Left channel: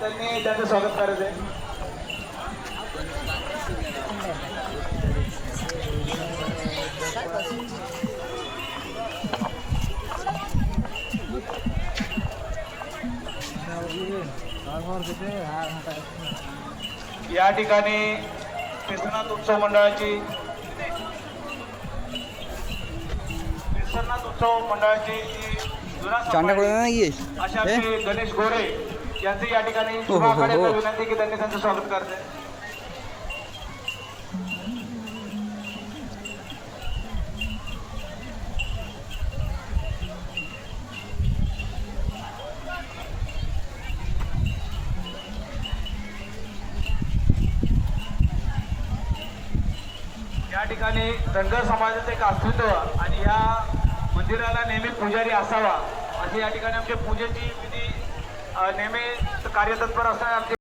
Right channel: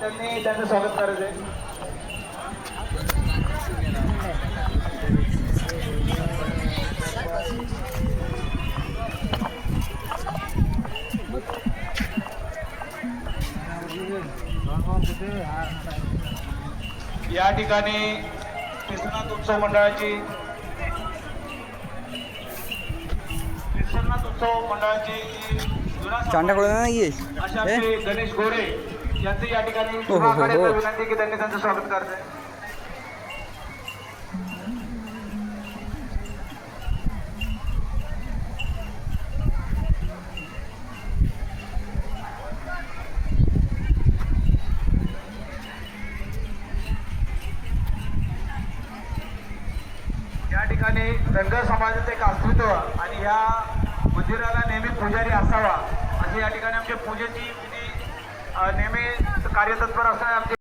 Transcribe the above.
त्यांनी त्यांचं स्वागत करायचं आहे. या ठिकाणी केसरनाथ उत्सव मंडळाची जी जुना अशा आपले गणेश गोरे यांचे या ठिकाणी विनंती की त्यांनी त्यांचं स्वागत करते. या ठिकाणी धनगर समाजाचे एक अस्तित्व आणि या मंदिराला नेहमी पुजारी असावा अशी या ठिकाणी आमच्या पूजेची विधी नेहमी कार्यतत्पर असणारे आमचे